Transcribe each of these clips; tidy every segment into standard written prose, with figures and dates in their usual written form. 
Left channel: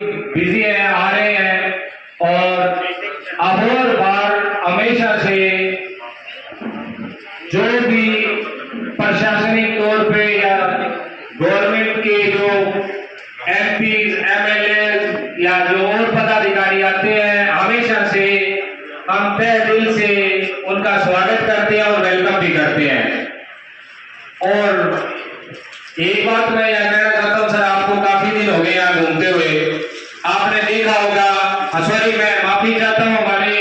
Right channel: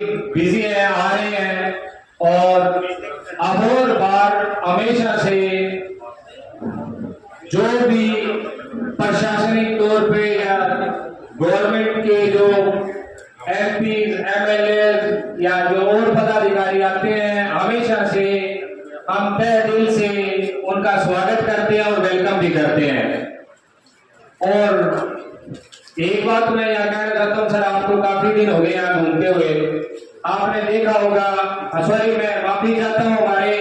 Busy है, आ रहे हैं और अबोर बार हमेशा से जो भी प्रशासनिक तौर पे या गवर्नमेंट के जो एमपी एमएलए या जो और पदाधिकारी आते हैं, हमेशा से हम तहे दिल से उनका स्वागत करते हैं और वेलकम भी करते हैं। और एक बात मैं यह कहना चाहता हूँ सर, आपको काफी दिन हो गए यहाँ घूमते हुए, आपने देखा होगा, सॉरी मैं माफी चाहता हूँ, हमारे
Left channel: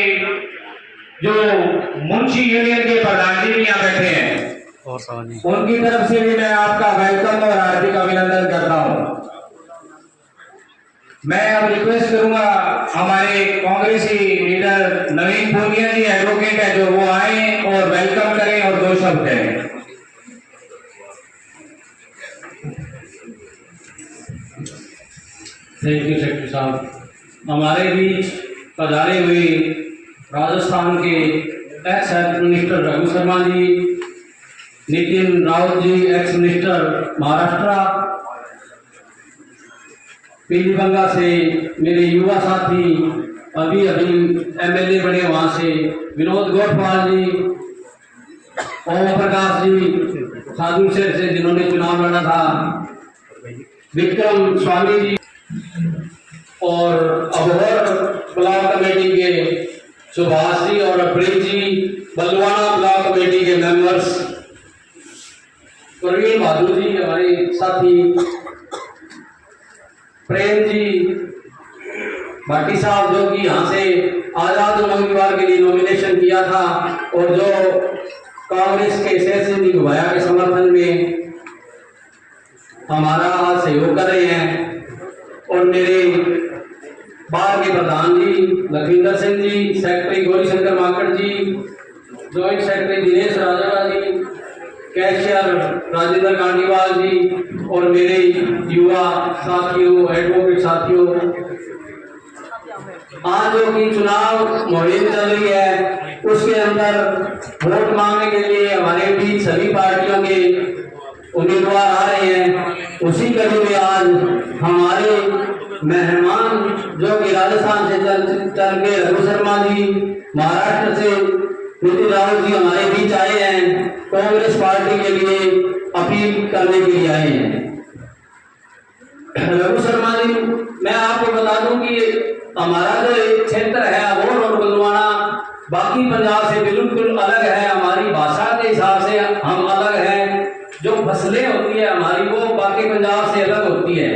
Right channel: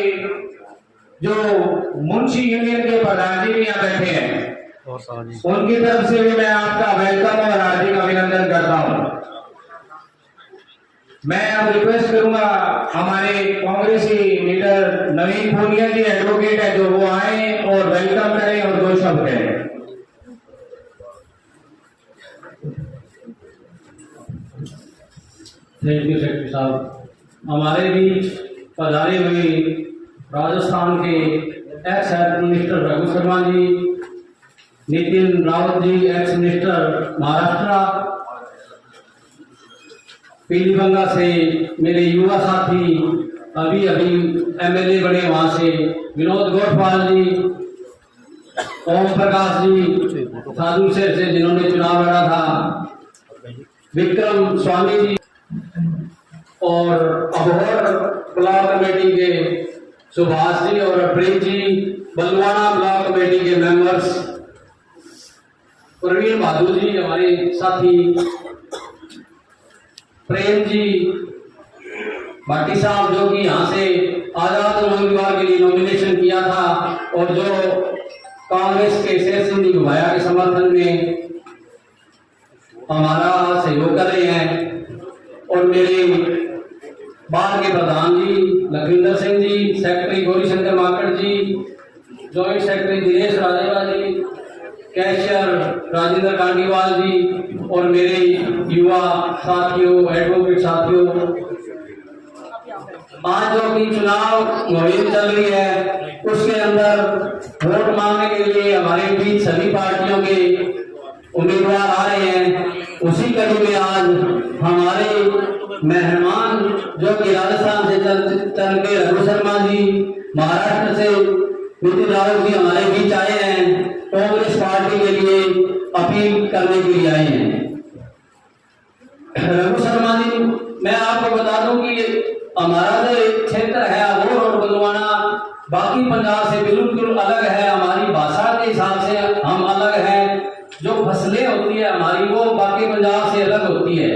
जो मुंशी यूनियन के प्रधान जी भी यहाँ बैठे हैं, उनकी तरफ से भी मैं आपका वेलकम और हार्दिक अभिनंदन करता हूँ। मैं अब रिक्वेस्ट करूंगा हमारे कांग्रेसी लीडर नवीन भूटिया जी एडवोकेट है, जो वो आए और वेलकम करें और दो शब्द कहें। थैंक यू सेक्रेटरी साहब। हमारे बीच पधारे हुए राजस्थान के ex health minister Raghu Sharma ji, Nitin Rawat ji ex minister Maharashtra, Pilibanga से मेरे युवा साथी अभी एमएलए बने वहाँ से विनोद गोठवाल जी, ओम प्रकाश जी खादू से जिन्होंने चुनाव लड़ा था, विक्रम स्वामी जी और अबोहर ब्लॉक कमेटी के सुभाष जी और प्रेम जी, बलवाना ब्लॉक कमेटी के मेंबर्स, प्रवीण बहादुर जी हमारे साथी, प्रेम जी भाटी साहब जो कि यहाँ से आजाद उम्मीदवार के लिए नॉमिनेशन किया था और जो कांग्रेस के शेर सिंह घुबाया के समर्थन में हमारा सहयोग कर रहे हैं, और मेरे बार के प्रधान जी लखविंदर सिंह जी, सेक्रेटरी गौरी शंकर माकड़ जी, जॉइंट सेक्रेटरी दिनेश राजेवा जी, कैशियर राजेंद्र कांडीवाल जी और मेरे युवा साथियों एडवोकेट साथियों, आज जो कि चुनाव मुहिम चल रही है उसके अंदर वोट मांगने के लिए हमारे बीच सभी पार्टियों के उम्मीदवार आ रहे हैं। उसी कड़ी में आज हमारे मेहमान जो कि राजस्थान से चल के रघु शर्मा जी, महाराष्ट्र से नितिन रावत जी हमारे बीच आए हैं, कांग्रेस पार्टी के लिए अपील करने के लिए आए हैं। रघु शर्मा जी, मैं आपको बता दूं कि हमारा जो क्षेत्र है अबोहर और बलवाना बाकी पंजाब से बिल्कुल अलग है। हमारी भाषा के हिसाब से हम अलग हैं, जो फसलें होती है हमारी वो बाकी पंजाब से अलग होती है,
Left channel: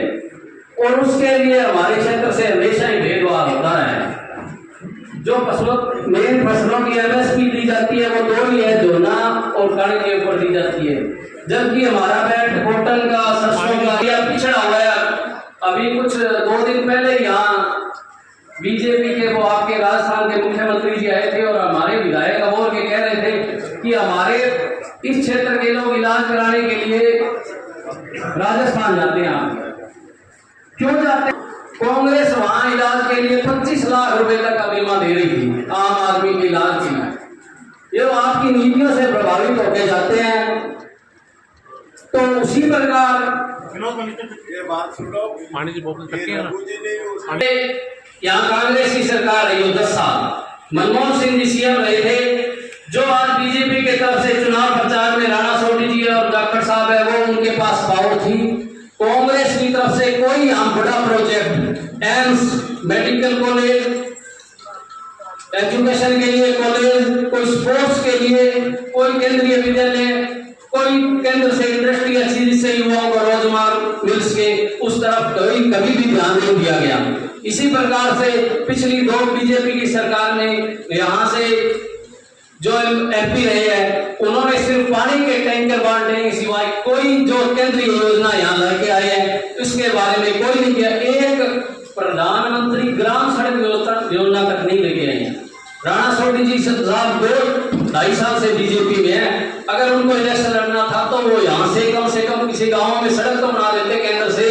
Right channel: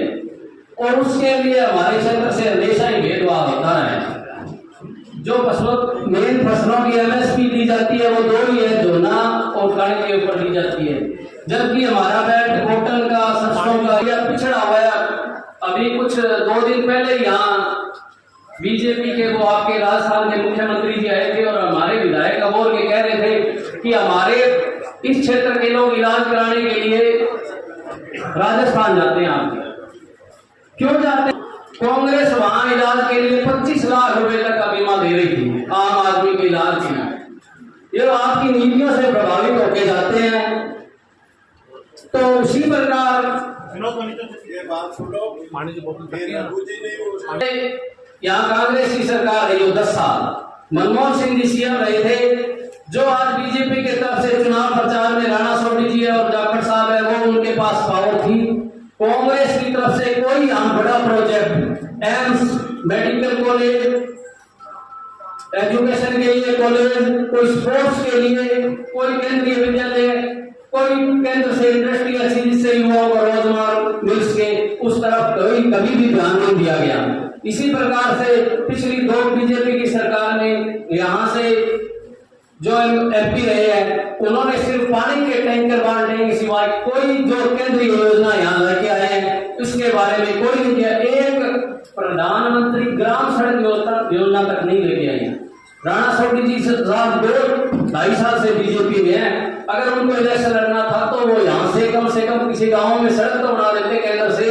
और उसके लिए हमारे क्षेत्र से हमेशा ही भेदभाव होता है। जो मेन फसलों की एमएसपी दी जाती है वो दो ही है, जोना और कणक के ऊपर दी जाती है, जबकि हमारा बेल्ट कॉटन का, सरसों का यह पिछड़ा हुआ है। अभी कुछ 2 दिन पहले यहाँ बीजेपी के वो आपके राजस्थान के मुख्यमंत्री जी आए थे और हमारे विधायक अबोहर के कह रहे थे कि हमारे इस क्षेत्र के लोग इलाज कराने के लिए राजस्थान जाते हैं। आप क्यों जाते हैं? कांग्रेस वहां इलाज के लिए 25 लाख रुपए तक का बीमा दे रही थी आम आदमी के इलाज की। ये आपकी नीतियों से प्रभावित होकर जाते हैं। तो उसी प्रकार ये बात सुनो, यहाँ कांग्रेस की सरकार रही हो 10 साल, मनमोहन सिंह जी सीएम रहे थे, जो आज बीजेपी के तरफ से चुनाव प्रचार में राणा सोनी जी और जाखड़ साहब है वो उनके पास पावर थी। कांग्रेस की तरफ से कोई हम बड़ा project, AIIMS, medical college, education के लिए कॉलेज, कोई स्पोर्ट्स के लिए, कोई केंद्रीय विद्यालय, कोई केंद्र से इंडस्ट्री अच्छी जिससे युवाओं को रोजगार मिल सके, उस तरफ कभी भी ध्यान नहीं दिया गया। इसी प्रकार से पिछली 2 बीजेपी की सरकार में यहाँ से जो एमपी रहे हैं उन्होंने सिर्फ पानी के टैंकर बांटने के सिवाय कोई जो केंद्रीय योजना यहाँ लेके आए हैं उसके बारे में कोई नहीं किया। एक प्रधानमंत्री ग्राम सड़क योजना तक नहीं लेके आए। राणा सोनी जी साहब 2-2.5 साल से बीजेपी में है, अगर उनको इलेक्शन लड़ना था तो वो यहाँ से कम किसी गाँव में सड़क तो बना देते केंद्र से,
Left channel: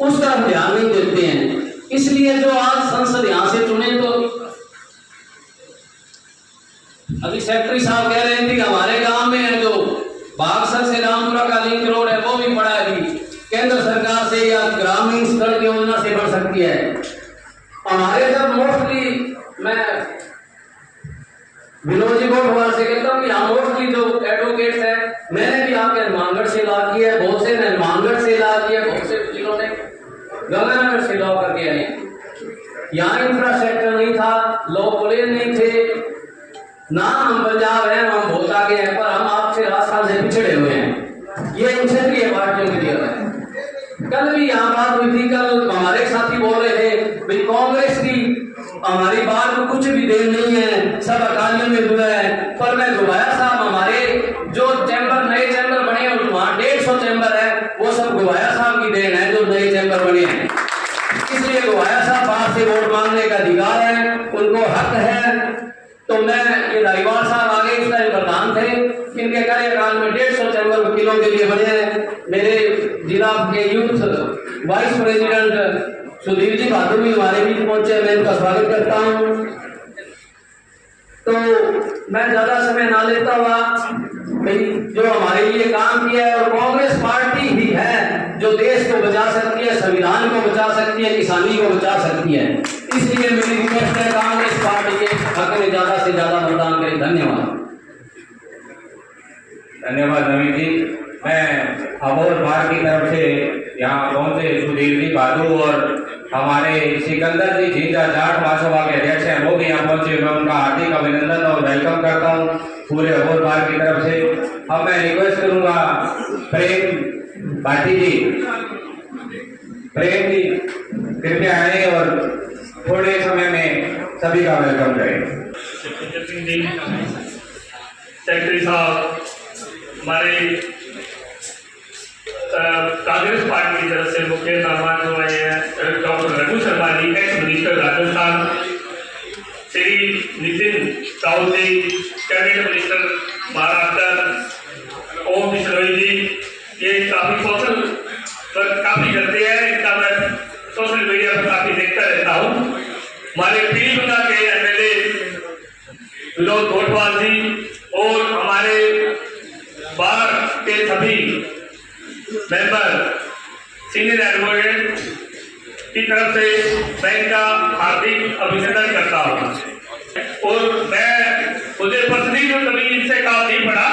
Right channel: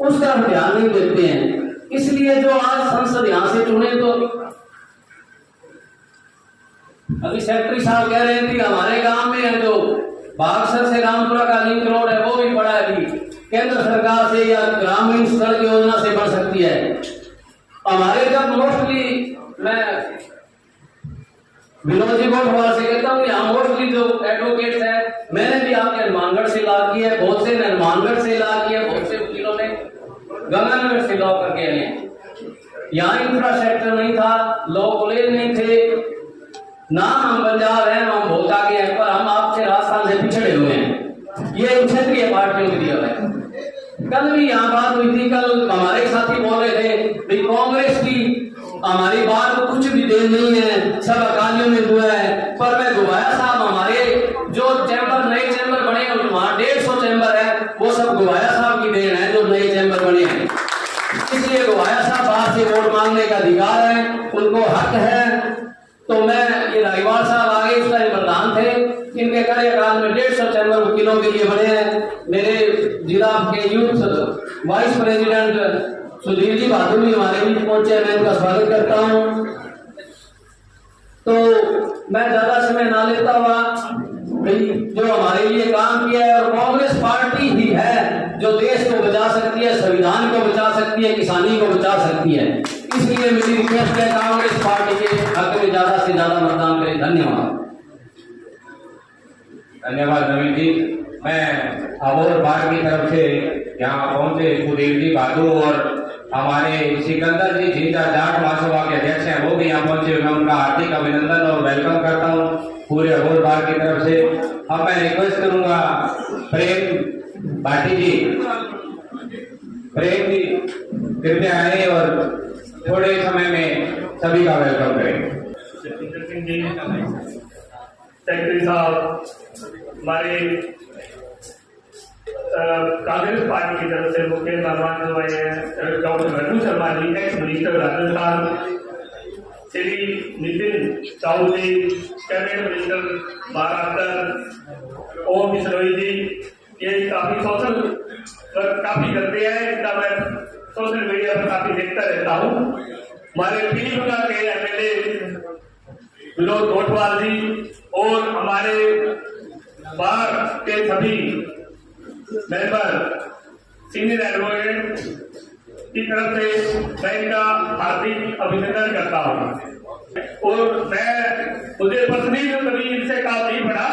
उस तरफ ध्यान नहीं देते हैं। इसलिए जो आज संसद यहाँ से चुने, तो अभी सेक्रेटरी साहब कह रहे हैं कि हमारे गांव में जो बागसर से रामपुरा का लिंक रोड है वो भी पड़ा है, अभी केंद्र सरकार से से या ग्रामीण सड़क योजना से बन सकती है। हमारे जब मोस्टली मैं विनोद जी को हमारे से कहता हूँ कि हम मोस्टली जो एडवोकेट्स हैं, मैंने भी आपके हनुमानगढ़ से लॉ किया है, बहुत से ने हनुमानगढ़ से लॉ किया है, बहुत से वकीलों ने गंगानगर से लॉ करके आए हैं। यहाँ इंफ्रास्ट्रक्चर नहीं था, लॉ कॉलेज नहीं थे, ना हम पंजाब हैं, हम बहुत आगे हैं, पर हम आपसे राजस्थान से पिछड़े हुए हैं। ये क्षेत्रीय पार्टियों की दिया है। कल भी यहाँ बात हुई थी, कल हमारे साथी बोल रहे थे भाई कांग्रेस की हमारी बात को कुछ भी देन नहीं है, सब अकालियों में हुआ है। पर मैं गुबाया साहब, हमारे जो चैम्बर नए चैम्बर बने और वहाँ 150 चैम्बर है, वो सब गुबाया साहब की देन है जो नए चैम्बर बने हैं। इसलिए गुबाया साहब बाहर से वोट मांगने का अधिकार है, उनको हक है। तो मैं ये रायवाल साहब आगे इस टाइम प्रधान थे, इनके कार्यकाल में 150 चैम्बर वकीलों के लिए बने हैं। मेरे जिला के youth vice president Sudhir ji बहादुर भी हमारे बीच पहुंचे, मैं इनका स्वागत करता हूं। तो मैं ज्यादा समय ना लेता हुआ भाई जो हमारे लिए काम किया है, और कांग्रेस पार्टी ही है जो देश को बचा सकती है, संविधान को बचा सकती है, किसानी को बचा सकती है। इसलिए मेरी रिक्वेस्ट है कांग्रेस पार्टी के हक में ज्यादा से ज्यादा मतदान करें। धन्यवाद। धन्यवाद नवीन जी। मैं अबोहर बार की तरफ से यहाँ पहुंचे सुधीर जी बहादुर और हमारे सिकंदर जी झींझा जाट महासभा के अध्यक्ष हैं, वो भी यहाँ पहुंचे। मैं उनका हार्दिक अभिनंदन और वेलकम करता हूँ पूरे अबोहर बार की तरफ से। अब मैं रिक्वेस्ट करूंगा प्रेम भाटी जी, प्रेम जी कृपया आए और थोड़े समय में सभी का वेलकम करें। सेक्रेटरी साहब, हमारे कांग्रेस पार्टी की तरफ से मुख्य मेहमान हुए हैं डॉक्टर रघु शर्मा जी, ex minister Rajasthan, Shri Nitin Rao ji, cabinet minister Maharashtra, ओम बिश्नोई जी, ये काफी सोशल वर्क काफी करते हैं, इनका मैं सोशल मीडिया पर काफी देखता रहता हूँ। हमारे पीलीभीत के एमएलए विनोद गोटवाल जी और हमारे बार के सभी मेंबर सीनियर एडवोकेट की तरफ से मैं इनका हार्दिक अभिनंदन करता हूँ। और मुझे पर्सनली तो कभी इनसे काम नहीं पड़ा,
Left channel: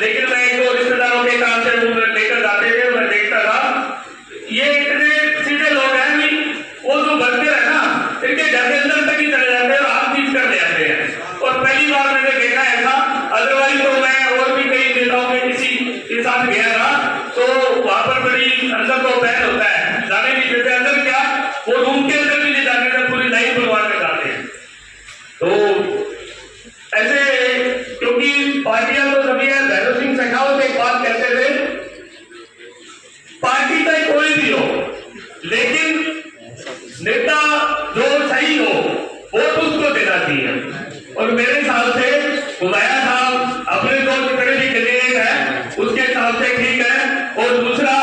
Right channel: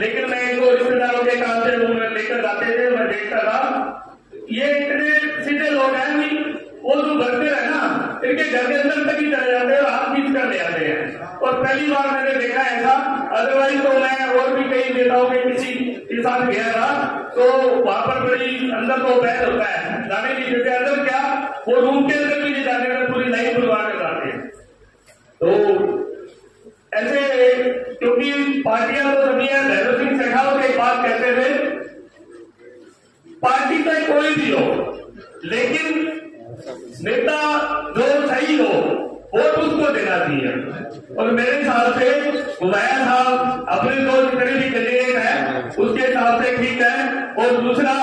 लेकिन मैं इनको रिश्तेदारों के काम से वो लेकर जाते थे, मैं देखता था ये इतने सीधे लोग हैं कि वो जो वर्कर है ना, इनके घर के अंदर तक ही चले जाते हैं और हाथ खींच कर ले जाते हैं। और पहली बार मैंने देखा ऐसा, अदरवाइज तो मैं और भी कई नेताओं में किसी के साथ गया था तो वहां पर बड़ी अंदर तो बहस होता है, जाने नहीं देते अंदर, क्या वो रूम के अंदर भी नहीं जाने देते, पूरी लाइन बुलवा कर जाते हैं। तो ऐसे क्योंकि पार्टियां तो सभी है, भैरव सिंह शेखावत एक बात कहते थे, पार्टी का कोई भी हो लेकिन नेता जो सही हो वो उसको देना चाहिए। और मेरे हिसाब से गुबाया साहब अपने जो जितने भी कैंडिडेट है उसके हिसाब से ठीक है। और दूसरा,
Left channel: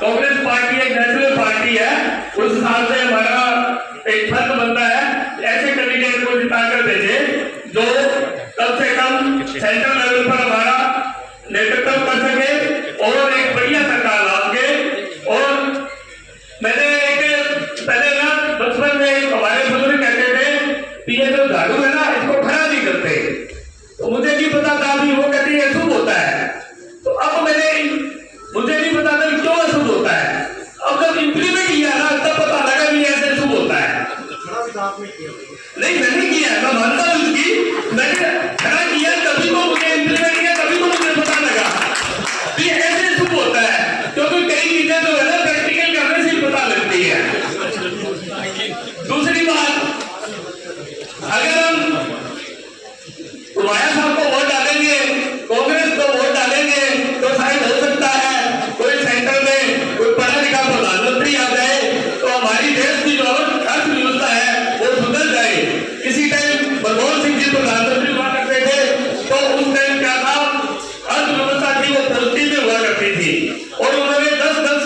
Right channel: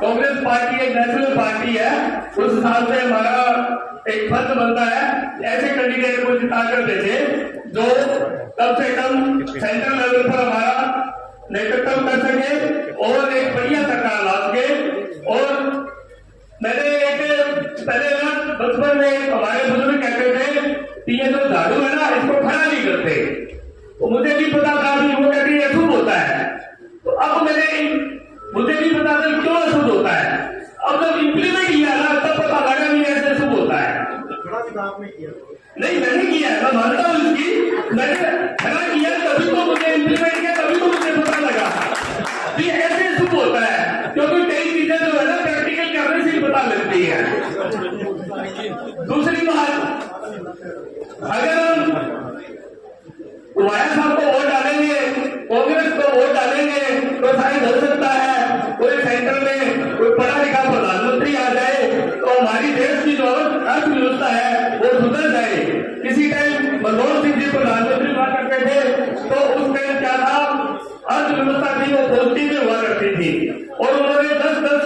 कांग्रेस पार्टी एक नेशनल पार्टी है, उस हिसाब से हमारा एक फर्ज बनता है ऐसे कैंडिडेट को जिताकर भेजे जो कम से कम सेंट्रल लेवल पर हमारा नेतृत्व कर सके और एक बढ़िया सरकार ला सके। और मैंने एक पहले ना बचपन में हमारे बुजुर्ग कहते थे कि ये जो झाड़ू है ना, इसको खड़ा नहीं करते, तो मुझे नहीं पता था कि वो कहती है अशुभ होता है। तो अब मुझे नहीं पता था क्यों अशुभ होता है, अब जब इंप्लीमेंट किया ना तब पता लगा कि ऐसे अशुभ होता है। नहीं मैंने किया, मैं मानता हूँ इसकी, मैंने खड़ा किया तभी तो मुझे इंप्लीमेंट किया, तभी तो मुझे पता लगा कि ऐसे अशुभ होता है, क्योंकि कई चीजें जो है ना प्रैक्टिकल करने से ही पता लगती है। दूसरी बात, अगर हम गुबाया साहब को वोट डालेंगे, कांग्रेस को वोट डालेंगे, तो शायद हो सकता है कोई सेंटर में कोई पढ़ा लिखा प्रधानमंत्री आ जाए तो हमारी देश की जो अर्थव्यवस्था है वो सुधर जाए। इसी टाइम मनमोहन सिंह जी प्रधानमंत्री हुआ करते थे तो उस टाइम क्या था, अर्थव्यवस्था थी वो पॉजिटिव में हुआ करती थी और उन्होंने 10-10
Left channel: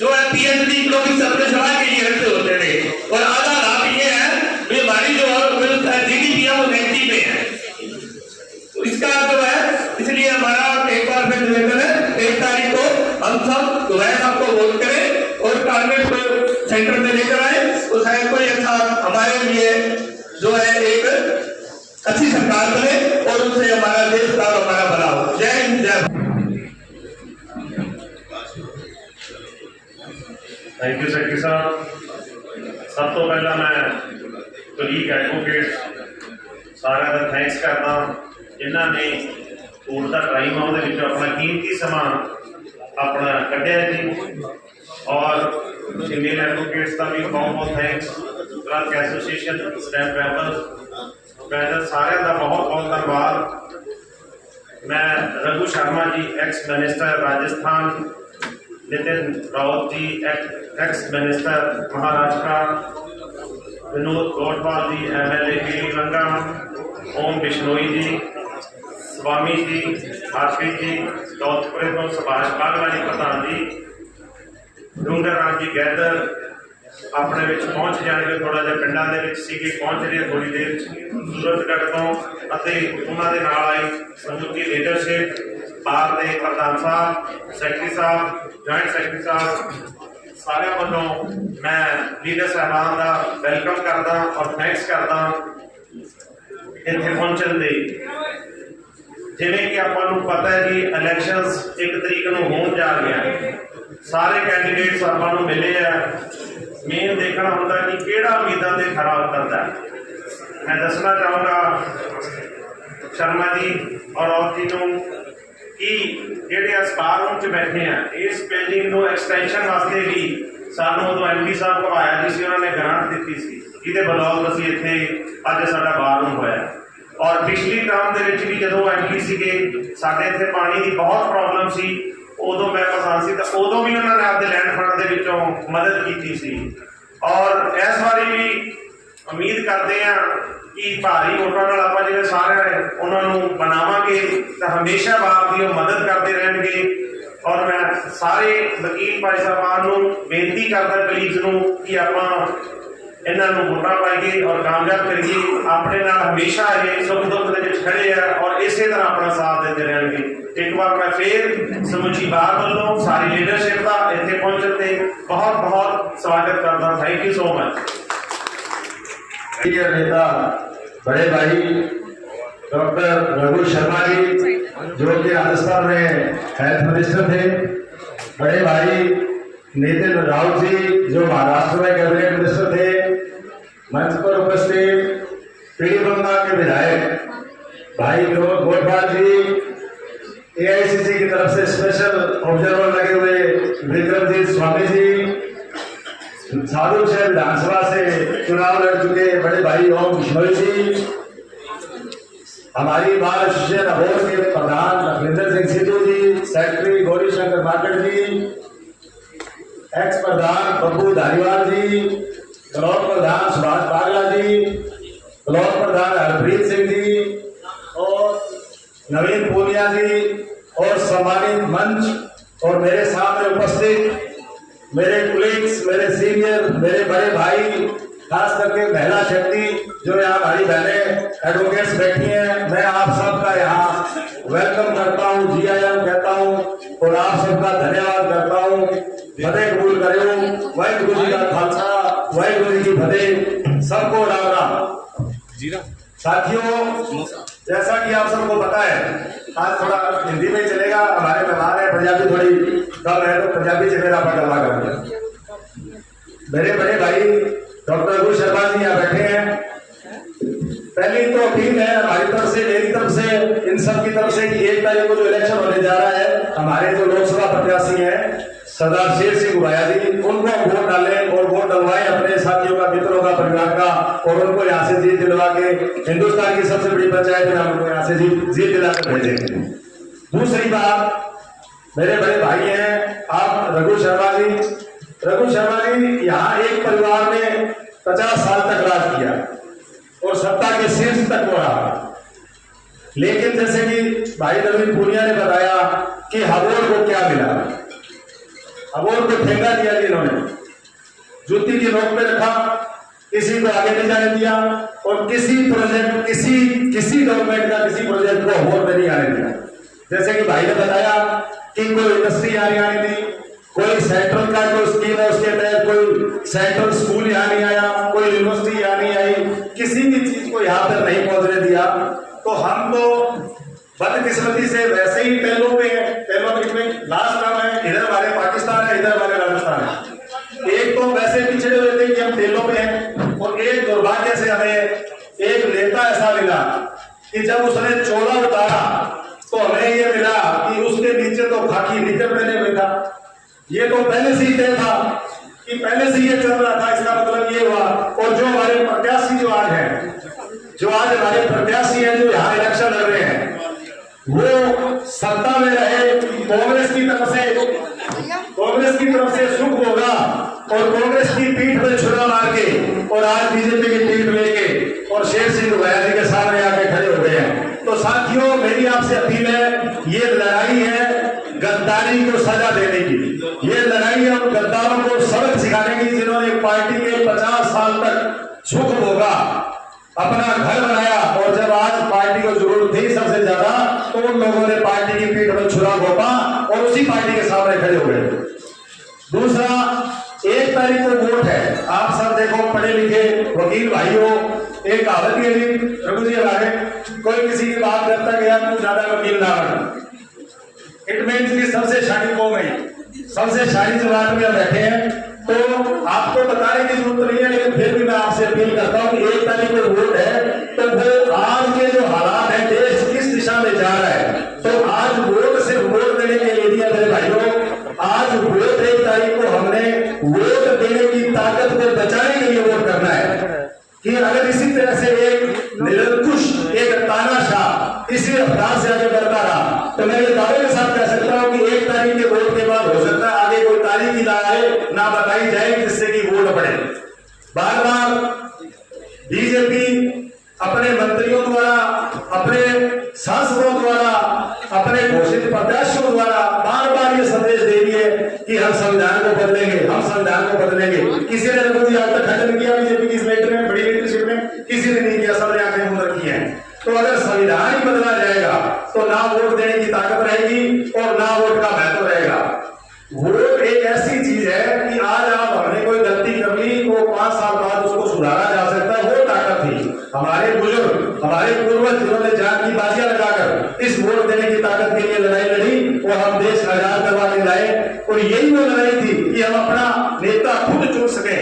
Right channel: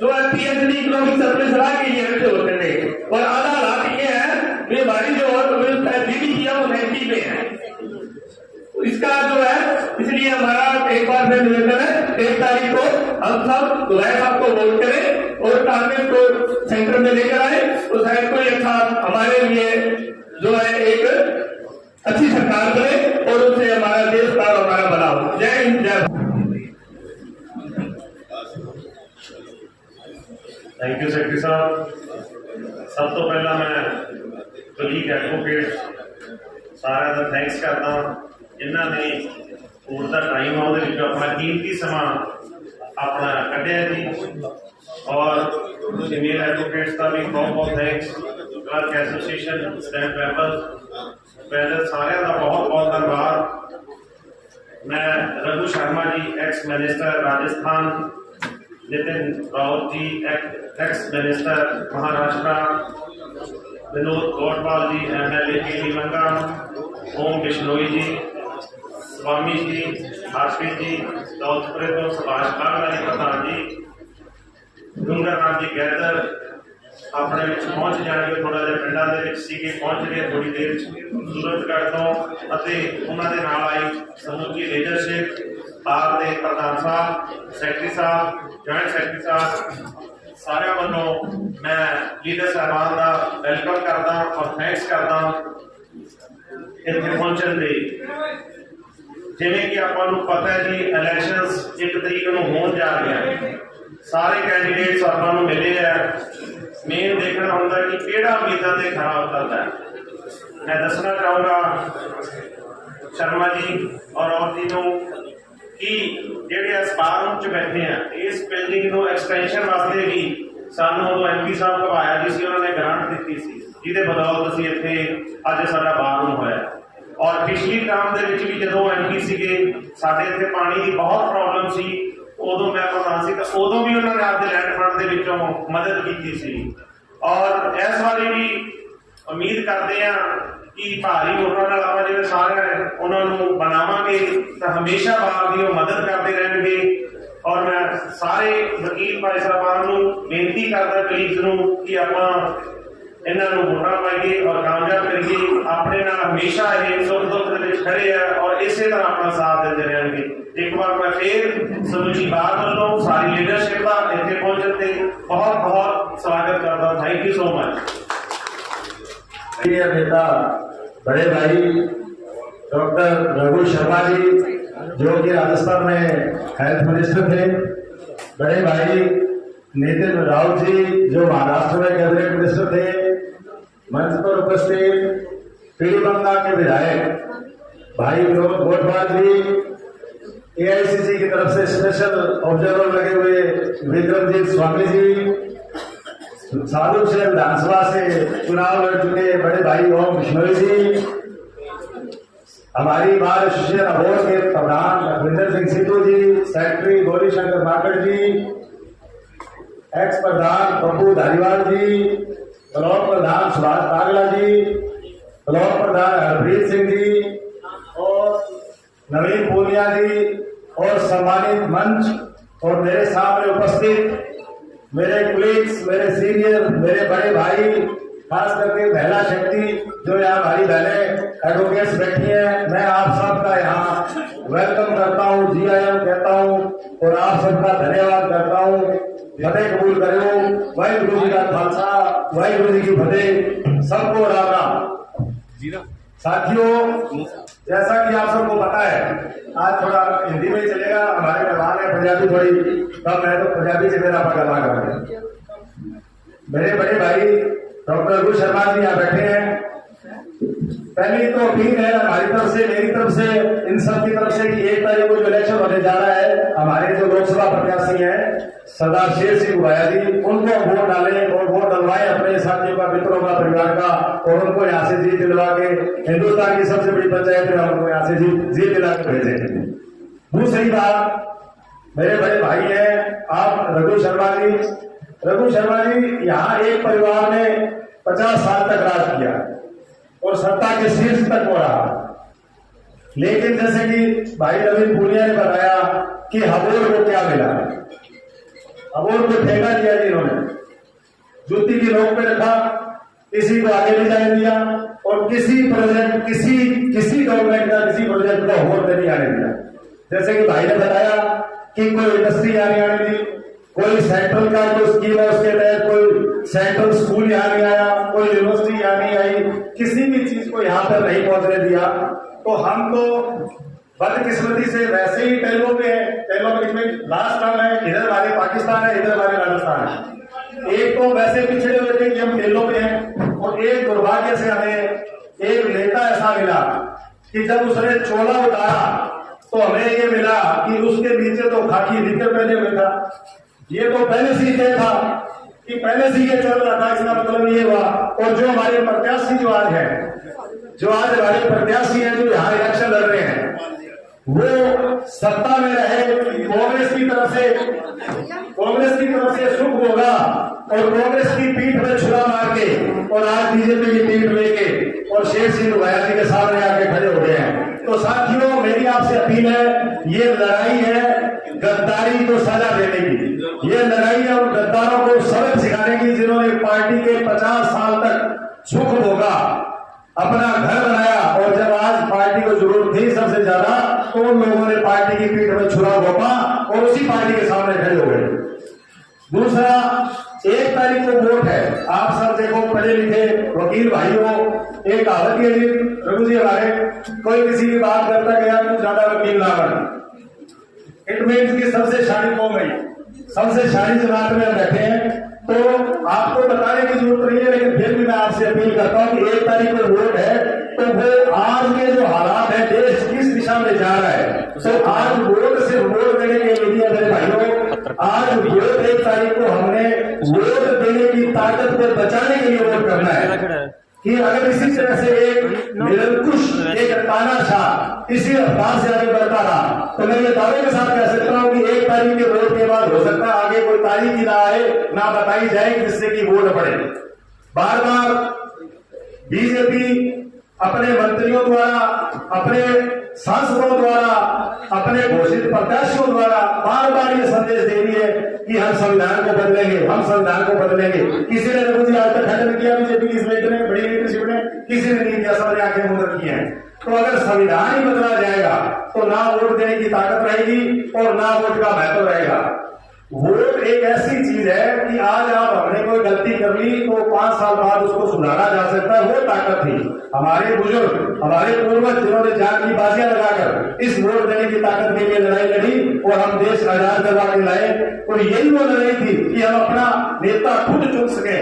जो है PhD इकोनॉमिक्स अपने सलाह के लिए रखते होते थे और आधा लाख शायद कोई अच्छा हमारे लिए जो है एक अच्छी सरकार बने और उससे हमारा देश का और हमारा भला हो। जय हिंद, जय भारत। थैंक यू सैकटरी साहब। सब तो पहला मैं कलीग एडवोकेट सारा का थैंक्स करता जिन्होंने कोर्ट का टाइम आ अपना कीमती समा अपना कढ़िया जी, और फीमेल एडवोकेट्स का भी बहुत बहुत thanks, clerk association, stamp papers सारे का बहुत बहुत धन्यवाद। मैं रघु शर्मा जी एक्स मिनिस्टर राजस्थान, नितिन राउत जी एक्स मिनिस्टर महाराष्ट्र, विनोद गोटवाल जी MLA पीली लंका, ओम बिश्नोई जी, स्वामी जी, वाजपेयी जी, दौलतपुरे तो सुभाष बागला जी प्रधान जी, डूंगर राम जी गैदर अपने पहुंच जाएंगे, थोड़ा जिहा पिंडां दे विच सीगे, पहुंच रहे थोड़ी देर सूरजगढ़ तो उन्होंने नाल आई समूची लीडरशिप बार के प्रधान साहब, सैकटरी साहब, जॉइंट सैकटरी साहब सारे वालों मैं लीडर साहबान का वेलकम करदा और थैंक्स करदा इत्थे पहुंचण दे। जिवें कि आपां नूं पता है जी इलैक्शनस 1 तरीक नूं होण जा रहे, सारे कैंडीडेट्स आपां नूं मिले है, मेन देखना होंदा कि किहड़ा उम्मीदां ते खरा उतरदा है। मैं दसना चाहूँगा शर्मा जी और औरत जी नूं कि ਜਿਹੜੇ ਸਪਾਰ ਰੂਮ 'ਚ ਬੈਠੇ ਆ ਇਸ ਬਿਲਡਿੰਗ ਨੂੰ ਐਕਸਟੈਂਸ਼ਨ ਵਾਸਤੇ ਵੀ ਸਾਨੂੰ ਉਦੋਂ MP ਸਾਹਿਬ ਘਵਾਇਆ ਜਿਸ ਨੇ ਉਹਨਾਂ ਨੇ ਗ੍ਰਾਂਟ ਦਿੱਤੀ ਸੀ, ਜਿਹਦੇ ਬਦੌਲਤ ਅਸੀਂ ਇੱਥੇ ਅੱਜ ਸਾਡਾ ਬਾਰ ਰੂਮ ਹੋਇਆ। ਔਰ ਪਿਛਲੀ ਟਰਮ ਦੇ ਵਿੱਚ ਵੀ ਜਦੋਂ MP ਸੀਗੇ ਸਾਡੇ ਇੱਥੇ ਪਾਣੀ ਦੀ ਬਹੁਤ ਪ੍ਰੋਬਲਮ ਸੀ, ਉਦੋਂ ਮੈਂ ਪ੍ਰਧਾਨ ਸੀ ਤਾਂ ਉਦੋਂ ਵੀ ਉਹਨਾਂ ਨੇ ਆਪਦੇ ਲੈਂਡ ਫੰਡ ਦੇ ਵਿੱਚੋਂ ਮਦਦ ਕੀਤੀ ਸੀ। ਔਰ ਇਸ ਵਾਰੀ ਵੀ ਉਮੀਦ ਕਰਦੇ ਆ कि भारी वोटां नाल आपां जिहड़े सारे उन्होंने बनावांगे तो हमेशा बार की मदद करते रहेंगे। और मैं सारे वकील भाई साहबान नूं बेनती करदा कलीग्स नूं कि आपां इन्हां नूं वोटां पाईए और कामयाब करिए, अपने नाल हमेशा ये सुख दुख दे विच खड़े हैं और इसे तरह अपना साथ देते रहेंगे। एक बार मैं फिर समूची बार वालों सारी लीडरशिप का इत्थे पहुंचण ते बहुत बहुत स्वागत करदा। Thank you so much. नेता बड़े भाई डॉक्टर रघु शर्मा जी जो कि राजस्थान में हेल्थ मिनिस्टर थे, बड़े भाई नितिन राउत जी जो महाराष्ट्र में कैबिनेट मिनिस्टर थे, मंच पर उपस्थित पीली बंगा के विधायक भाई विनोद गोटवाल जी, AICC की तरफ से स्पेशल ऑब्जर्वर लगे हुए विक्रमजीत स्वामी जी, साधु शहर विधानसभा से चुनाव लड़ चुके बड़े भाई ओम बिश्नोई जी, हमारी बार एसोसिएशन अबोर के प्रधान लखविंदर सिंह सिद्धू जी, सेक्रेटरी गौरी शंकर माकड़ जी, एक्स प्रधान बब्बू धारीवाल जी, ब्लॉक प्रधान सुभाष बागला जी, ब्लॉक प्रधान हरप्रीत सिंह जी और नवीन पूनिया जी और सम्मानित मंच और मेरे सामने उपस्थित मेरे कुलीग्स, मेरे सीनियर, मेरे बड़े भाई, खास करके महिला शक्ति जो यहाँ हमारी बहनें एडवोकेट्स बैठी हैं, मैं आप सबका यहाँ वेलकम करता हूँ, जी आया कहता हूँ और आप सबका धन्यवाद करता हूँ। फतेह कबूल करो। वाहिगुरु जी का खालसा, वाहिगुरु जी की फतेह। सबको राम राम। साथियों, जैसा कि आप सबको पता है, आज थोड़ा हिंदी में चलेगा, हमारे मेहमान है, पंजाबी थोड़ी कम है तो पंजाबी से मेरा पकड़वा करेंगे। मेरे बड़े भाई डॉक्टर रघु शर्मा जी यहाँ बैठे हैं। पहली तो अपील है हमारी तरफ से, मेरी तरफ से, इन सब की तरफ से कि 1 तारीख को जो इलेक्शन होने जा रहा है, हमारे जो लोकसभा प्रत्याशी हैं सरदार शेर सिंह गुबाया जी, उनको वोट डालें और वोट डलवाएं अपने साथियों का, मित्रों का, परिवार का, और उनको यहाँ से जीत दिलवा के हिंदुस्तान की सबसे बड़ी पंचायत में उनको यहाँ से जीत दिला कर भेजेंगे। दूसरी बात, मेरे बड़े भाई हैं आप रघु शर्मा जी। रघु शर्मा जी यहाँ एक परिवार ने 50 साल तक राज किया और सत्ता के शीर्ष तक वो रहा, लेकिन जैसे कि भाई नवीन पूनिया ने बताया कि हबोर को क्या मिला, हबोर को ठेका दिया इन्होंने, जूती की नोक पे रखा, किसी को आगे नहीं जाने दिया और किसी प्रोजेक्ट, किसी गवर्नमेंट का किसी प्रोजेक्ट को हबोर पे नहीं आने दिया। जैसे कि भाई ने बताया कि कोई इंडस्ट्री आने दी, कोई सेंट्रल का कोई स्कीम है उसके तहत कोई सेंट्रल स्कूल यहाँ नहीं आया, कोई यूनिवर्सिटी यहाँ नहीं आई, किसी भी चीज को यहाँ तक नहीं पहुंचने दिया। तो हम तो बदकिस्मती से वैसे ही पहलों पे है, पहलों में लास्ट टर्म है, इधर हमारे पाकिस्तान है, इधर हमारे राजस्थान है। एक तो वैसे पिछड़े हुए थे कि हम तेलों पे हैं, और एक दुर्भाग्य से हमें एक नेता ऐसा मिला कि जब उसने चोला उतारा तो हमें ये मिला कि उसके नीचे तो खाकी निकर पहने हुए था। ये तो पहले से ही तय था कि पहले से ये चल रहा था, इसका मतलब ये हुआ। और जो हमारे प्रत्याशी जो आज हमारे प्रत्याशी हैं, जो यहाँ इलेक्शन लड़ रहे हैं, वो सत्ता में रहे, कांग्रेस की तरफ से सुख होगा और कांग्रेस की पीठ में छुरा मार के और आज बीजेपी की पीठ लेके और शेर सिंह भैया जी के सामने आके खड़े हो गए हैं। तो साथियों, मेरी आपसे अपील है, ये लड़ाई है गद्दारी को सजा देने की, ये लड़ाई है उन गद्दारों को सबक सिखाने की जिन्होंने पार्टी के 50 साल तक सुख भोगा, अपना घर बनाया, और जब आज पार्टी को जरूरत थी सबसे ज्यादा तो उन लोगों ने पार्टी की पीठ में छुरा घोंपा और उसी पार्टी के सामने खड़े हो गए। दूसरा, 1 तारीख को वोट है। आप सब देखो, पढ़े लिखे वकील भाइयों, एक कहावत है जी रघु जी हमारे, कोई किसी की बात करता गया तू ज्यादा वकील ना बन। इट मीन्स की सबसे शानी कौम है, सबसे शानी जमात में बैठे हैं। तो आपको बताने की जरूरत नहीं है, लेकिन फिर भी मैं आपसे अपील करता हूँ कि 1 तारीख को वोट है, तो वो आज के जो हालात है, देश किस दिशा में जा रहा है, तो आज वोट सिर्फ वोट देने के लिए दिया मेरे भाइयों। आज वोट 1 तारीख को हमने वोट देने की ताकत को बचाने के लिए वोट करना है कि अगर इसी तरह से एक निरंकुश, एक तानाशाह इसी रफ्तार से आगे बढ़ता रहा, तो मैं ये दावे के साथ कह सकता हूँ कि 1 तारीख के वोट के बाद हो सकता है आगे कोई तारीख ही ना आए, ना बताई जाए जिससे कि वोट पड़े। बार बार बीजेपी अपने मंत्रियों द्वारा, अपने सांसदों द्वारा, अपने घोषित प्रत्याशियों द्वारा बार बार ये संदेश दे रही है कि हम संविधान को बदलेंगे, हम संविधान को बदलेंगे। किसी ने मुझे आज तक खंडन किया बीजेपी की इस लेटर में, बड़ी लीडरशिप में किसी ने नहीं किया, सबने आंखें मूंद रखी हैं। तो अगर संविधान ही बदला जाएगा तो ना वोट देने की ताकत रहेगी और ना वोट का महत्व रहेगा। वोट एक ऐसी चीज है कि आज आप हमने कोई गलती कर ली तो 5 साल बाद उसको सुधारा जा सकता है, वो ताकत थी। हमारे बुजुर्ग, हमारे पूर्वज जिन्होंने जान की बाजियां लगाकर इस वोट देने की ताकत के लिए लड़ाई लड़ी और हम देश आजाद करवा के लाए, और यही वो लड़ाई थी कि हम अपना नेता खुद चुन सके,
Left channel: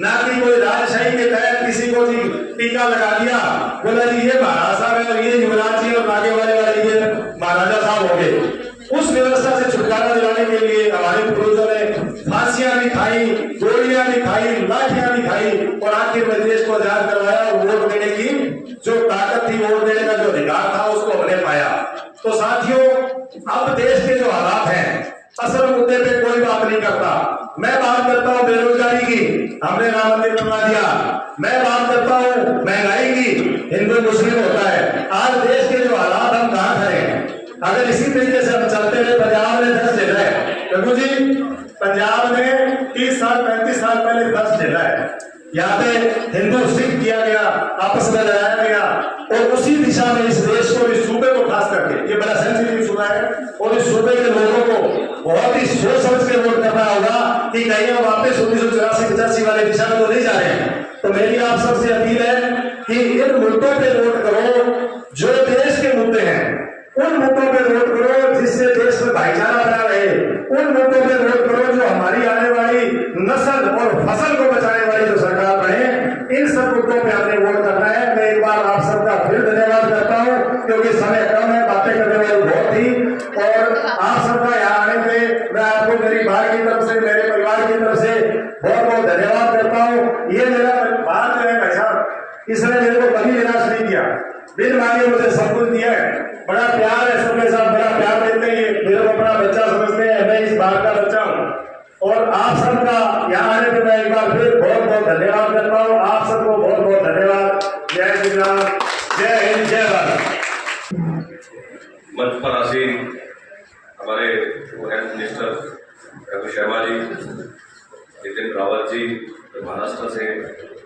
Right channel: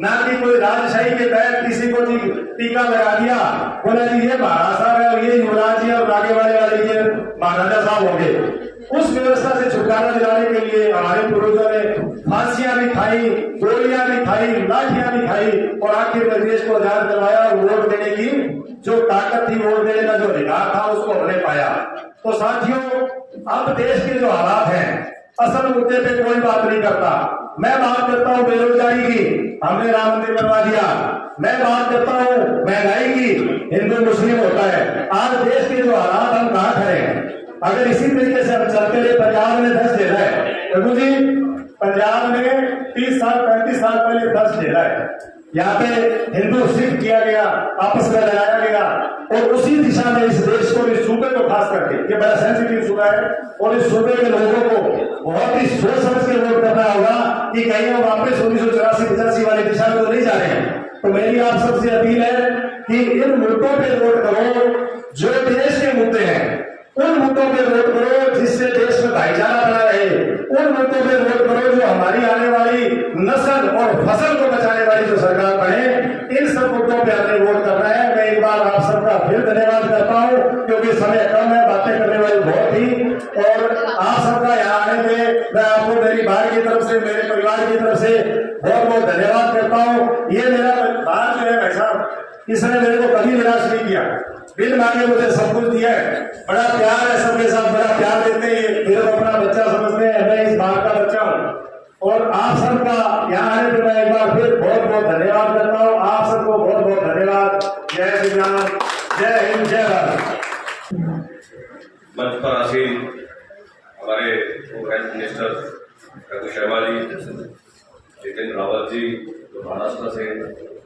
ना कि कोई राजशाही के तहत किसी को जी टीका लगा दिया, बोला जी ये महाराज साहब, ये युवराज जी और आगे वाले ये महाराजा साहब हो गए। उस व्यवस्था से छुटकारा दिलाने के लिए हमारे पूर्वजों ने फांसियां भी खाई, गोलियां भी खाई, लाठियां भी खाई और आखिर में देश को आजाद करवाया। और वोट देने की जो ताकत थी, वोट देने का जो अधिकार था, उसको हमने पाया। तो साथियों, अब देश के जो हालात हैं, असल मुद्दे पे कोई बात नहीं करता। मैं बात करता हूँ बेरोजगारी की, हमने राम मंदिर बनवा दिया। मैं बात करता हूँ महंगाई की, हिंदू मुस्लिम होता है। आज देश के जो हालात, हम कहाँ खड़े हैं? अगर इसी तरीके से हम चलते रहे, पंजाब में 10 जिला है रघु जी, पंजाब में 30 साल 35 साल पहले 10 जिला है। यहाँ पे हिंदू सिख किया गया, आपस में लड़ाया गया, और उसी दिशा में इस देश को, इस सूबे को खास करके, ये बड़ा सेंसिटिव सूबा है, और इस सूबे के लोगों को बहुत ही सोच समझ के वोट करना होगा कि कहीं हम वापस 1984-85 वाले दिशा में तो नहीं जा रहे हैं। तो मेरी आप सबसे अपील है कि इन मुद्दों पे वोट करो, जो देश के मुद्दे हैं उन मुद्दों पे वोट करो, जिससे देश में भाईचारा बना रहे। उन मुद्दों पे वोट करो जो हमारी आने वाली नस्ल और फसल को बचाने वाली जो सरकार बने। इन सब मुद्दों पे हमने वोट करना है। मैं एक बार आप सबका फिर धन्यवाद करता हूँ, क्योंकि समय कम है, बातें करने वाली बहुत थी, और आप सबका यहाँ आने पे मैं आपको मेरी भाई की तरफ से, मेरे परिवार की तरफ से बहुत बहुत धन्यवाद करता हूँ। ये मेरा बात जो है भाई साहब, इसने मेरे को कभी निराश नहीं किया, बिन मांगे मुझे सब कुछ दिया है। बड़ा प्यार है सबके साथ, बड़ा प्यार देते हैं, मेरे को अपना बच्चा समझते हैं, मैं इस बात का बच्चा हूँ। और आप सबका यहाँ आने पे मैं एक बार फिर बहुत बहुत धन्यवाद करता हूँ। आप सबको बहुत बहुत धन्यवाद। जय श्री राम, जय हिंद, जय भारत। मंच पर आसीन हमारे हेल्थ मिनिस्टर रघु शर्मा जी, नितिन रावत जी जो महाराष्ट्र से,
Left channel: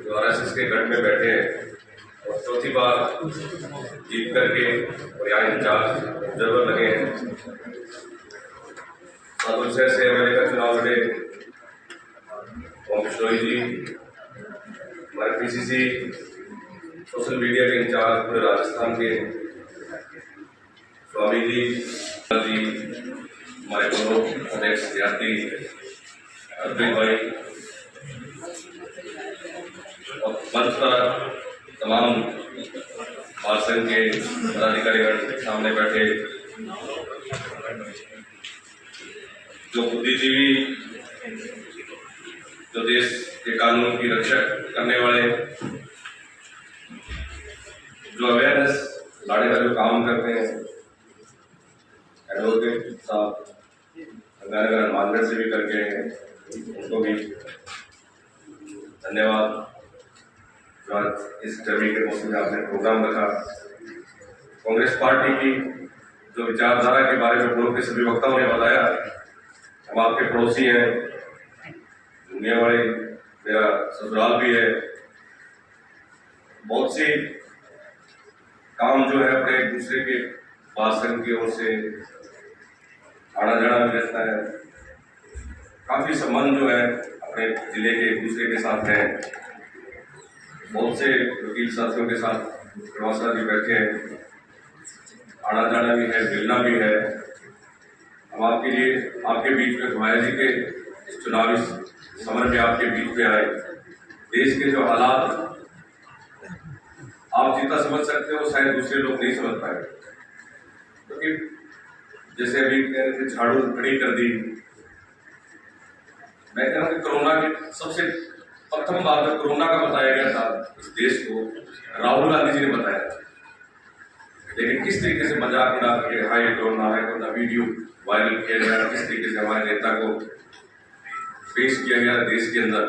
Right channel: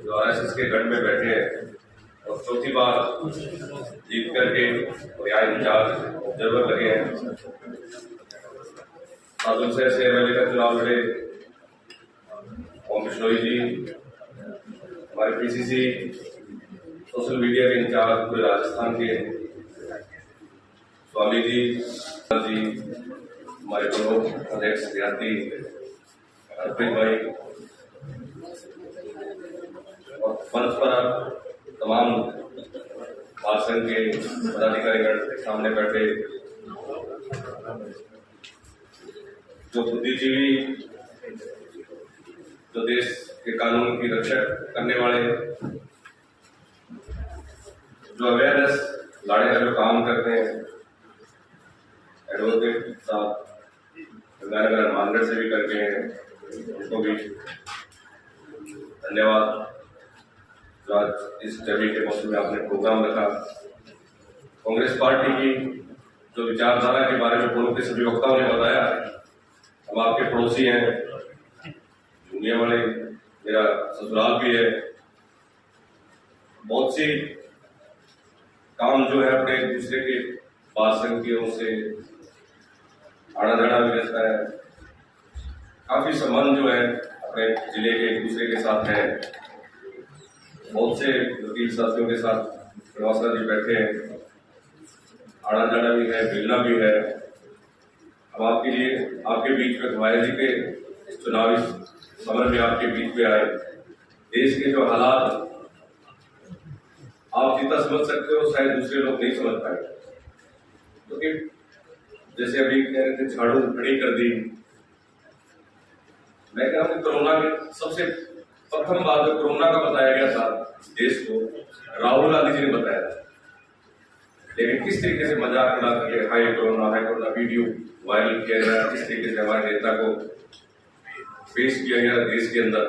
जो RSS के गढ़ में बैठे हैं और चौथी बार जीत करके और यहाँ इंचार्ज ऑब्जर्वर लगे हैं, माधुर से MLA का चुनाव लड़े ओम बिश्नोई जी, हमारे पीसीसी सोशल मीडिया के इंचार्ज पूरे राजस्थान के स्वामी जी, हमारे पूर्व अध्यक्ष सियाती अरविंद भाई और मंच पर तमाम बाल संघ के पदाधिकारीगण सामने बैठे, जो बुद्धिजीवी, जो देश के कानून की रक्षा करने वाले, जो अवेयरनेस लाने का जो काम करते हैं, एडवोकेट साहब गंगानगर हनुमानगढ़ से भी करके हैं, उनको भी धन्यवाद। जो आज इस गर्मी के मौसम में आपने प्रोग्राम रखा, कांग्रेस पार्टी की जो विचारधारा के बारे में पूर्व के सभी वक्ताओं ने बताया, हम आपके पड़ोसी हैं, दुनिया वाले, मेरा ससुराल भी है, बहुत से काम जो है अपने एक दूसरे के बाल संघ की ओर से आना जाना भी रहता है, काफी संबंध जो है अपने जिले के एक दूसरे के साथ है। बहुत से वकील साथियों के साथ प्रवासा जी बैठे हैं, आना जाना भी है, मिलना भी है। अब आपके लिए, आपके बीच में भवाया जी के इस चुनावी समर में आपके बीच में आए, देश के जो हालात आप जितना समझ सकते हो शायद दूसरे लोग नहीं समझ पाए, क्योंकि जैसे अभी कह रहे थे झाड़ू खड़ी कर दी, मैं कह रहा हूँ कि कोरोना के सबसे प्रथम बार जब कोरोना का बताया गया था इस देश को, राहुल गांधी जी ने बताया था, लेकिन किस तरीके से मजाक उड़ा के हाई कोरोना वीडियो वायरल किया गया, किस तरीके से हमारे नेता को पेश किया गया देश के अंदर।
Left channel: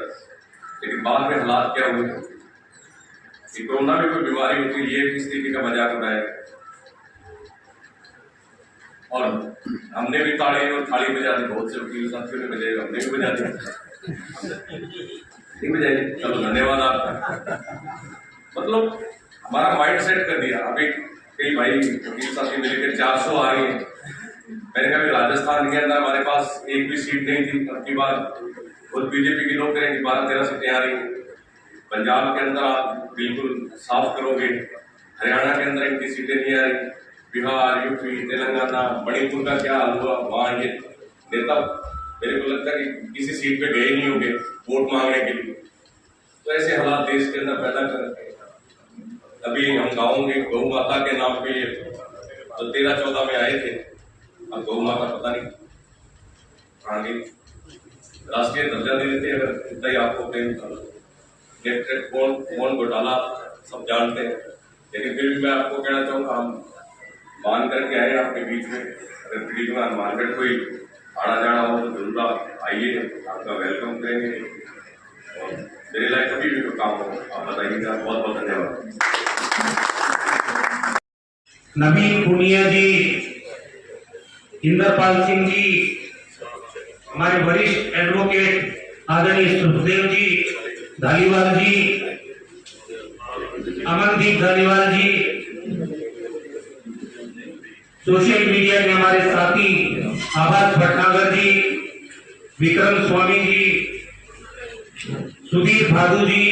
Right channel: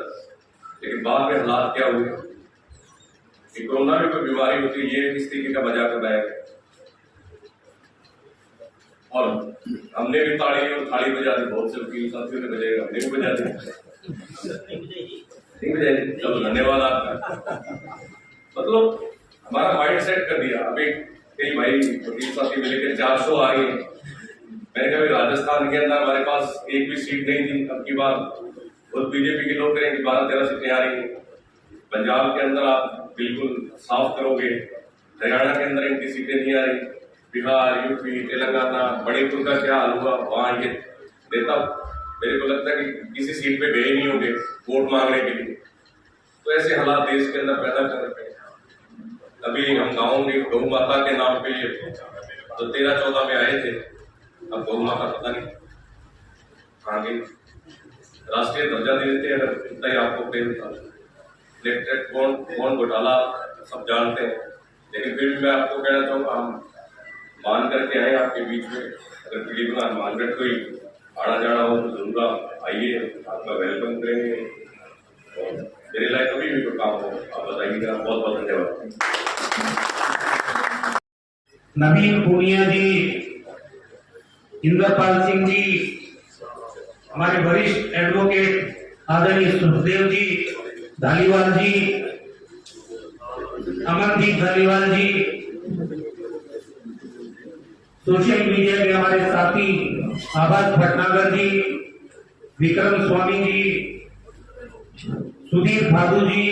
लेकिन बाद में हालात क्या हुए कि कोरोना में कोई बीमारी होती है, ये किस तरीके का मजाक उड़ाया, और हमने भी ताली और थाली बजा दी, बहुत से वकील साथियों ने बजाई, हमने भी बजा दी, नहीं बजाई, चलो धन्यवाद आपका। मतलब हमारा माइंड सेट कर दिया। अभी कई भाई वकील साथी मिलकर 400 आ रही है, मैंने कहा राजस्थान के अंदर हमारे पास एक भी सीट नहीं थी, अब की बार और बीजेपी के लोग करेंगे 12-13 सीटें आ रही हैं। पंजाब के अंदर आप बिल्कुल साफ करोगे, हरियाणा के अंदर इनकी सीटें नहीं आ रही, बिहार, यूपी, तेलंगाना, मणिपुर का क्या हाल हुआ, वहाँ ये नेता मेरे को लगता है कि किसी सीट पे गए नहीं होंगे वोट मांगने के लिए। तो ऐसे हालात देश के अंदर पैदा कर रहे हैं। अभी हम गाँव में गौ माता के नाम पे तो 13-14 में आए थे, अब गौ माता पता नहीं कहाँ गई। राष्ट्रीय दर्जा दे देते हैं अगर इतना ही आपको प्रेम था। इलेक्ट्रिक बॉन्ड घोटाला सब जानते हैं, लेकिन फिर भी मैं आपको कहना चाहूँगा, हम मान करके आए आपके बीच में। अगर पीढ़ी में मार्केट कोई आना जाना हो तो जरूर आप आइए, आपका वेलकम करेंगे। और मेरे लायक कभी भी कोई काम हो आप बताइएगा। बहुत बहुत धन्यवाद। नवीन पुनिया जी, इंद्रपाल सिंह जी, हमारे वरिष्ठ एडवोकेट आदरणीय सुखदेव जी धालीवाल जी, अमनदीप धालीवाल जी, सोशल मीडिया के हमारे साथी आबाद भटनागर जी, विक्रम स्वामी जी, सुधीर भादु जी,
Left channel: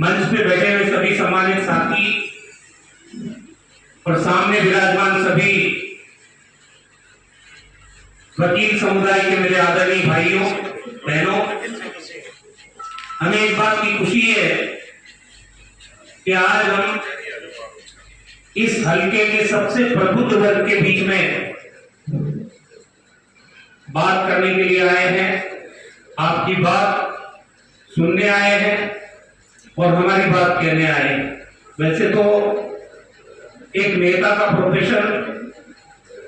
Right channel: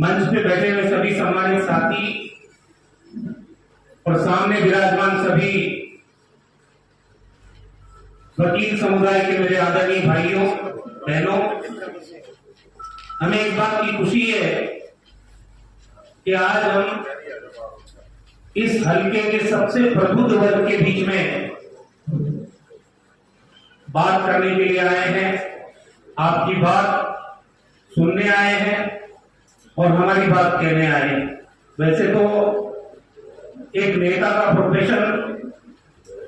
मंच पे बैठे हुए सभी सम्मानित साथी और सामने विराजमान सभी वकील समुदाय के मेरे आदरणीय भाइयों बहनों, हमें इस बात की खुशी है कि आज हम इस हलके के सबसे प्रबुद्ध वर्ग के बीच में बात करने के लिए आए हैं, आपकी बात सुनने आए हैं और हमारी बात कहने आए हैं। वैसे तो एक नेता का प्रोफेशन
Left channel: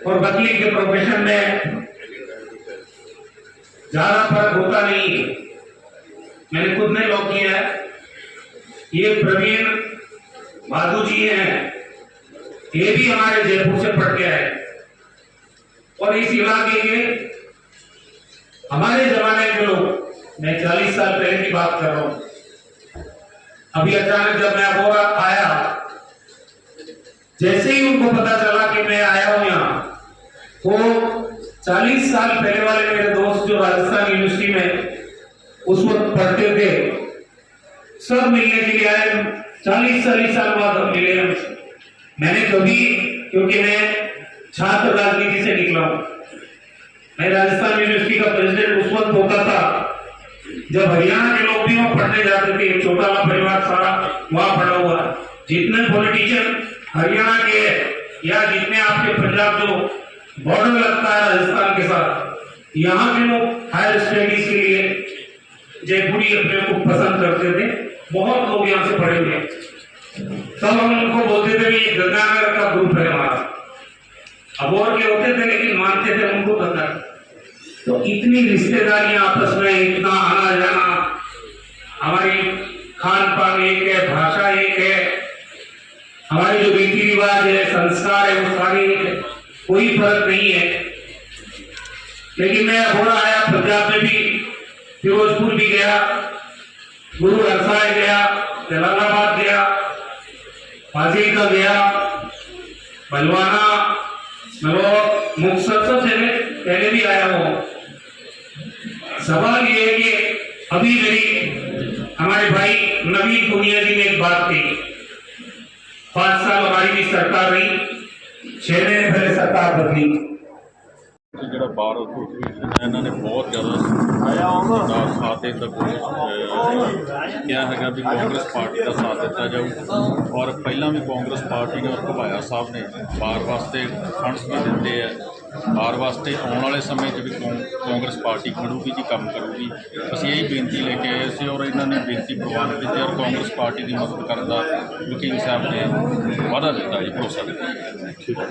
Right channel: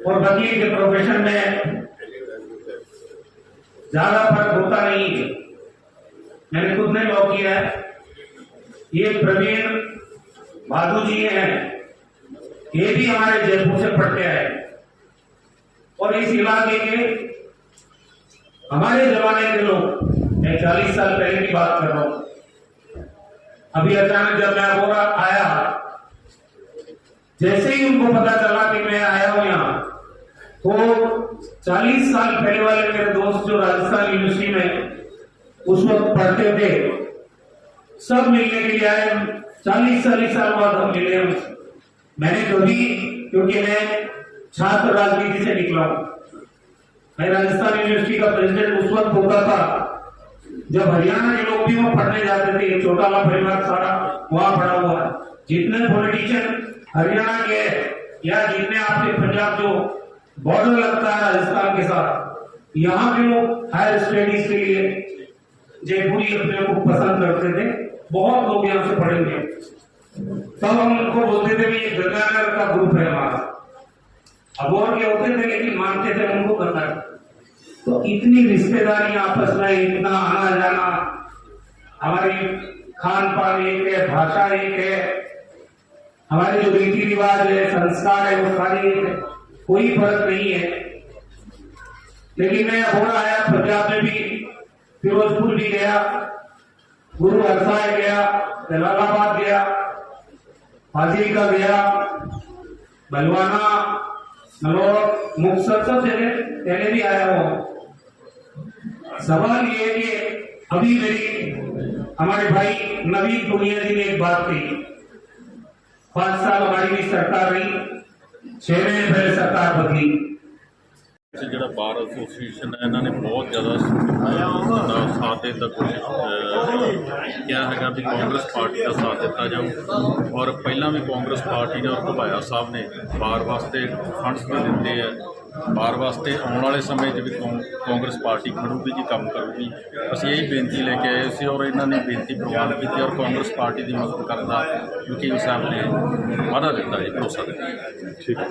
और वकील के प्रोफेशन में ज्यादा फर्क होता नहीं है। मैंने खुद ने लॉ किया है। ये प्रवीण भादु जी हैं, ये भी हमारे जयपुर से पढ़ के आए और इस इलाके के हमारे जमाने के लोग, मैं 40 साल पहले की बात कर रहा हूं। अभी अचानक जब मैं अबोरा आया, जैसे ही उनको पता चला कि मैं आया हूं यहाँ, तो 40 साल पहले वाले मेरे दोस्त जो राजस्थान यूनिवर्सिटी में उस वक्त पढ़ते थे, सब मिलने के लिए आए। 40 साल बाद हम मिले। मैंने कभी, क्योंकि मैं छात्र राजनीति से निकला हूं, मैं राजस्थान यूनिवर्सिटी का प्रेसिडेंट उस वक्त होता था जब हरियाणा के लोग भी वहां पढ़ने जाते थे। एक छोटा सा परिवार सारा वहां पढ़ा हुआ है। जितने पॉलिटिशियन हरियाणा के या जितने आपके पंजाब जो बॉर्डर लगता है राजस्थान के साथ, यहाँ के लोग हायर स्टडीज के लिए जयपुरी अपने को पसंद करते थे। बहुत लोग यहाँ से पढ़े हुए। सब हम उनको बोलते थे ये गंगानगर का ग्रुप है हमारा। अब और के होते थे लेकिन मानते थे उनको गंगा। तो इतनी रिश्तेदारियां आपस में, इतना आना जाना, हमारी खान पान एक है, भाषा एक है, हमारे जो रीति रिवाज है, संस्कार है, वो सारे एक है, कोई फर्क नहीं है। लेकिन मैं हो आया पंजाब में भी, फिरोजपुर भी गया, गुरु हरसाय गया, जलालाबाद गया, फाजिलका गया, बलवाना, नलौर, मुक्तसर, सब जगह पहले भी आया हूं। सवाल ये है कि अभी मेरी हमारे भाई नवीन दुनिया जी ने एक बात कही, 5 साल हमारी भी सरकार रही, 6 महीने पहले सरकार बदली। ਜਿਹੜਾ ਬਾਰ ਐਸੋਸੀਏਸ਼ਨ ਹੈ ਇਹਨਾਂ ਨੇ ਬਹੁਤ ਜ਼ਿਆਦਾ ਸਾਥ ਦੇਣ ਦਾ ਕੋਸ਼ਿਸ਼ ਕਿਹਾ ਹੈਗਾ ਵੀ ਕਾਂਗਰਸ ਪਾਰਟੀ ਦਾ ਸਾਥ ਦਿੱਤਾ ਜਾਊ। ਔਰ ਪਹਿਲਾਂ ਵੀ ਕਾਂਗਰਸ ਪਾਰਟੀ ਨੇ ਔਰ ਘੁਬਾਇਆ ਸਾਹਿਬ ਨੇ ਬਾਰ ਵਾਸਤੇ ਫੰਡਸ ਵੀ ਦਿੱਤੇ ਹੈ। ਬਾਰ ਵਾਸਤੇ ਆਉਣ ਵਾਲੇ ਸਮੇਂ 'ਚ ਵੀ ਕਾਂਗਰਸ ਪਾਰਟੀ ਖੜੂਗੀ ਜੀ, ਕੰਮ ਕਰੂਗੀ। ਅਸੀਂ ਇਹ ਬੇਨਤੀ ਲੈ ਕੇ ਆਏ ਸੀ ਔਰ ਇਹਨਾਂ ਨੇ ਬੇਨਤੀ ਪ੍ਰਵਾਨ ਕੀਤੀ ਔਰ ਕਾਂਗਰਸ ਪਾਰਟੀ ਦੀ ਮਦਦ ਕਰਨ ਦਾ ਵਕੀਲ ਸਾਹਿਬ ਨੇ ਵਾਅਦਾ ਦਿੱਤਾ ਜੀ, ਭਰੋਸਾ ਦਿੱਤਾ। ਠੀਕ ਹੈ।